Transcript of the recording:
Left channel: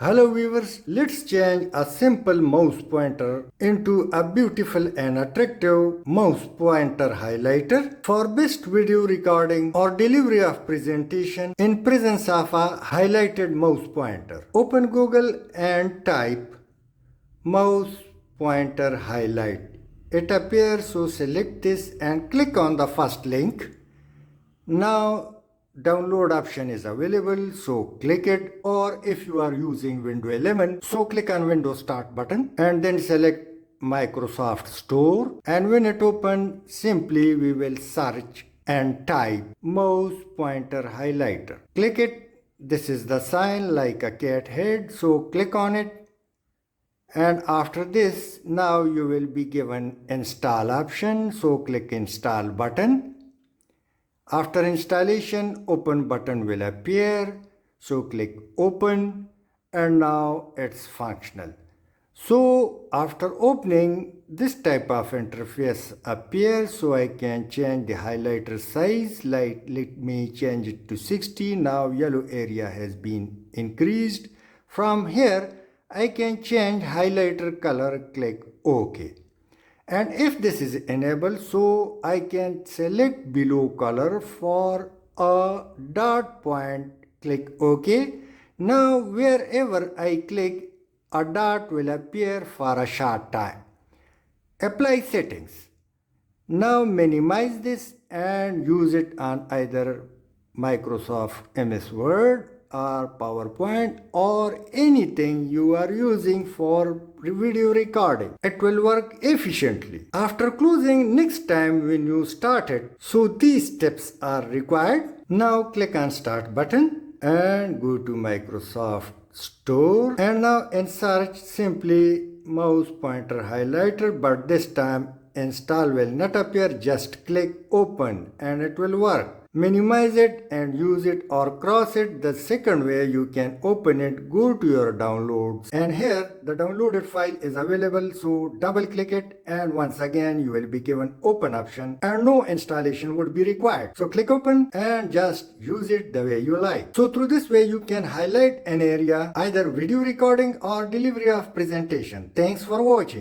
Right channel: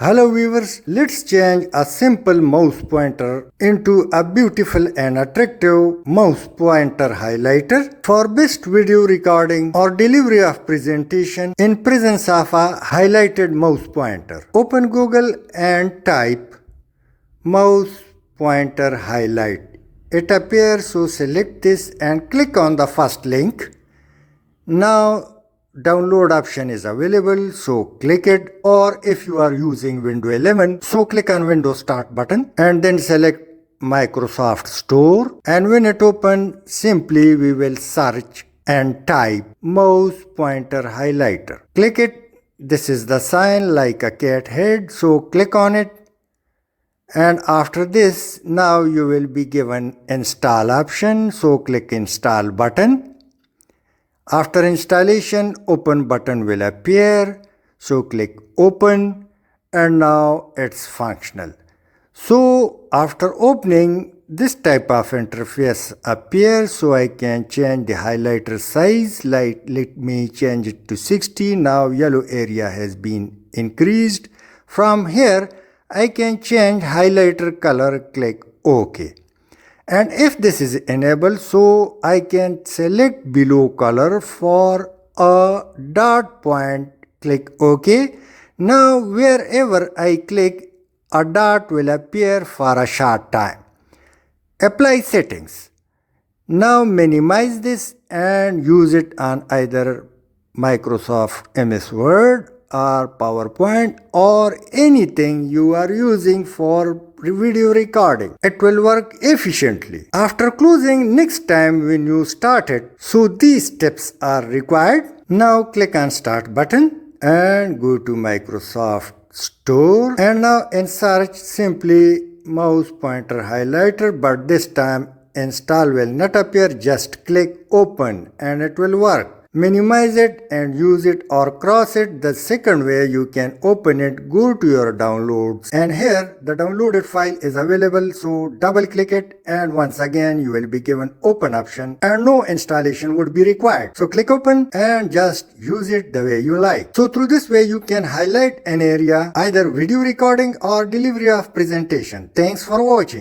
Hello viewers, let's change a simple mouse pointer into a beautiful and attractive mouse pointer highlighter for best video recording or delivery of presentation in presence of a highlighted mouse pointer. Open Google and type mouse pointer highlight. It appears, so select this and click on the first link. Now download option is available, so click it, or if you are using Windows 11, so click on Windows Start button and then select Microsoft Store, and when it opens, simply we will search and type mouse pointer highlighter. Click it. This is the sign like a cat head, so click on it, and after this now you will be given install option, so click install button. After installation, open button will appear, so click open, and now it's functional. So after opening, this type of interface appears, so I can change the highlighter size. Like, let me change it to 60. Now yellow area has been increased. From here I can change highlighter color, click OK. And if this is enabled, so I can select below color for a dot point, click OK. Now wherever I click, a dot will appear for a short time. Apply settings. Now minimize this and use it on either Microsoft MS Word or PowerPoint or anything you are using for video recording. It will work efficiently. After closing, next time when you start it, so these steps are required. Now click on Start button and go to Microsoft Store, and now in search simply mouse pointer highlighter, but this time install will not appear. Just click open and it will work. Minimize it and use it or cross it. The second way you can open it, go to your downloads, and here the downloaded file is available, so double click it and once again you will be given open option and no installation would be required. So click open and just use it the way you like. So through this way you can highlight an area, either video recording or delivery of presentation. Thanks for watching.